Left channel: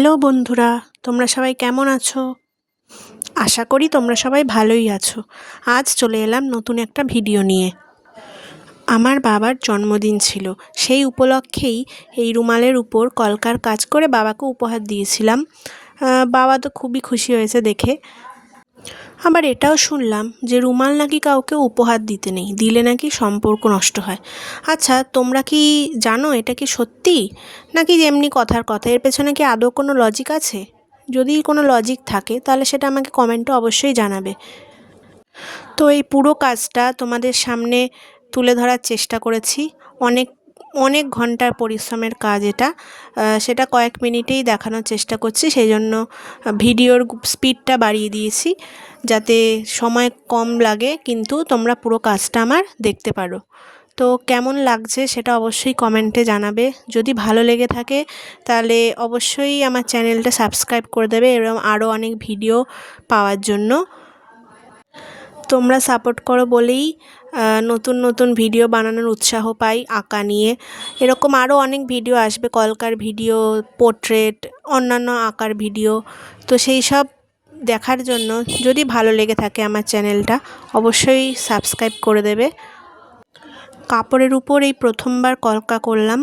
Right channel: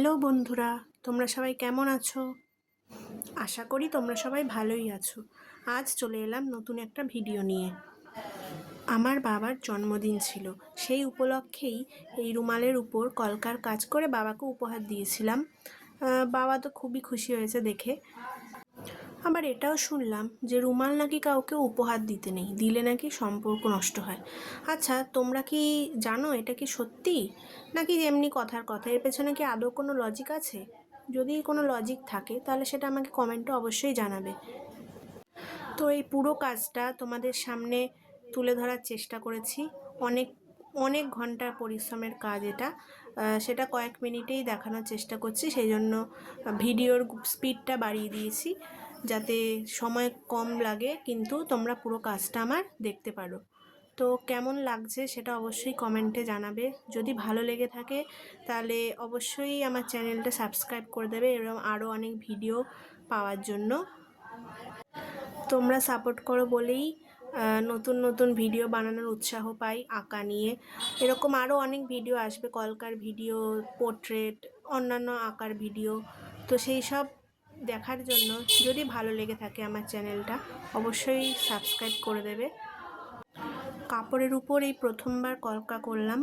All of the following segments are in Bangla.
হ্যালো বন্ধুরা, তোমরা সবাই কেমন আছো? আশা করি তোমরা সবাই ভালোই আছো। আজ চলে এলাম নতুন একটা ভিডিও নিয়ে। আমার বাবার জন্মদিন ছিল। সেই উপলক্ষেই এই রুমালের উপর কলকার কাজ করে বাবাকে উপহার দিয়েছিলাম। বাবা তো খুবই খুশি হয়েছে দেখে। আবার এটাও শুনলাম যে রুমাল নাকি কাউকে উপহার দিতে নেই, দিলে নাকি সম্পর্ক নষ্ট হয়। আচ্ছা তোমরা কি জানো এটা কি সত্যি? নাকি এমনি কথার কথা, এর পেছনে কি আদৌ কোনো লজিক আছে? যদি কোনো লজিক থাকে, তাহলে সেটা আমাকে কমেন্টে অবশ্যই জানাবে। তো এই পুরো কাজটা তোমাদের সামনে তুলে ধরার চেষ্টা করেছি। অনেক অনেক ঘণ্টার পরিশ্রমের কাজ এটা। সেটা কয়েক মিনিটেই দেখানোর চেষ্টা করছি সেই জন্য ভিডিওর স্পিডটা বাড়িয়ে দিয়েছি, যাতে সময় কম লাগে, কিন্তু তোমরা পুরো কাজটা আমার দেখতে পারো। তো কেমন লাগছে সেটা অবশ্যই কমেন্টে জানাবে। যদি ভালো লেগে থাকে, তাহলে অবশ্যই আমার চ্যানেলটা সাবস্ক্রাইব করে দেবে এবং আরও অনেক ভিডিও পাওয়ার জন্য। তোমরা সাপোর্ট করো বলেই নতুন নতুন ভিডিও বানানোর উৎসাহ পাই আঁকা নিয়ে। এরকম আরও অনেক ভিডিও আসবে, কলকার ভিডিও পোর্ট্রেট অন্যান্য আঁকার ভিডিও তো সেই সব দেখার জন্য যদি ভালো লেগে থাকে আমার চ্যানেলটা অবশ্যই সাবস্ক্রাইব করে দেবে। কাপড়ের উপর এই প্রথমবার কলকা করলাম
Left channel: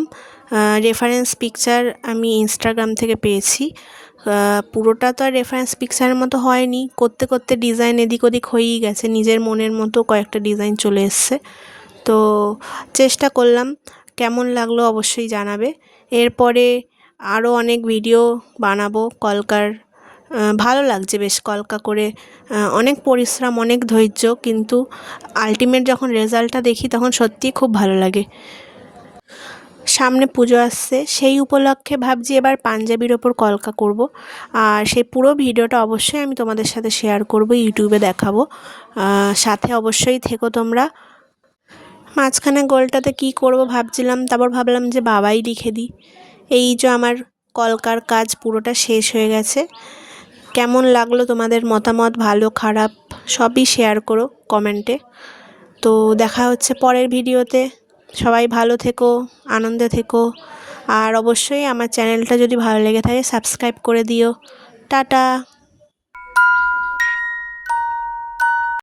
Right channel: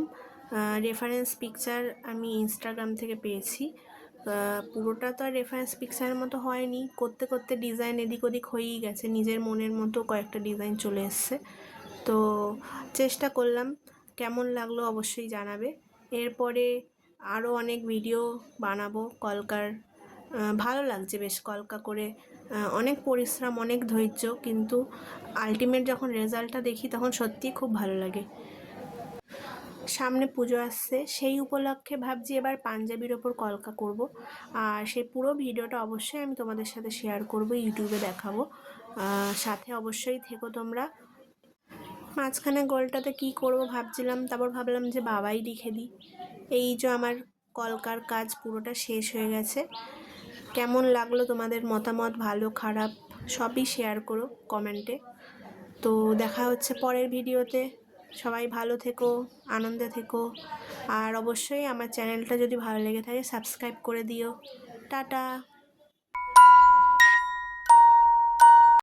রেফারেন্স পিকচার আমি ইনস্টাগ্রাম থেকে পেয়েছি। পুরোটা তো আর রেফারেন্স পিকচারের মতো হয়নি। করতে করতে ডিজাইন এদিক ওদিক হয়েই গেছে। নিজের মনের মতো কয়েকটা ডিজাইন চলে এসছে। তো চেষ্টা করলাম। কেমন লাগল অবশ্যই জানাবে। এরপরে আরও অনেক ভিডিও বানাবো কলকার। ভালো লাগছে বেশ কলকা করে। অনেক পরিশ্রম, অনেক ধৈর্য, কিন্তু আলটিমেট যখন রেজাল্টটা দেখি তখন সত্যিই খুব ভালো লাগে। সামনে পুজো আসছে। সেই উপলক্ষে ভাবছি এবার পাঞ্জাবির ওপর কলকা করব। আর সেই পুরো ভিডিওটা অবশ্যই আমি তোমাদের সাথে শেয়ার করব ইউটিউবে দেখাবো। সাথে অবশ্যই থেকো তোমরা। মাঝখানে গোলটাতে কি করব ভাবছিলাম, তারপর ভাবলাম যে বাবাই লিখে দিই। এই যে আমার কলকার কাজ পুরোটা শেষ হয়ে গেছে। কেমন লাগল তোমাদের মতামত, ভালো, খারাপ, সবই শেয়ার করো কমেন্টে তো দেখা হচ্ছে পরের ভিডিওতে। সবাই ভালো থেকো, আনন্দে থেকো। আর অবশ্যই আমার চ্যানেলটা যদি ভালো লেগে থাকে সাবস্ক্রাইব করে দিও। টাটা।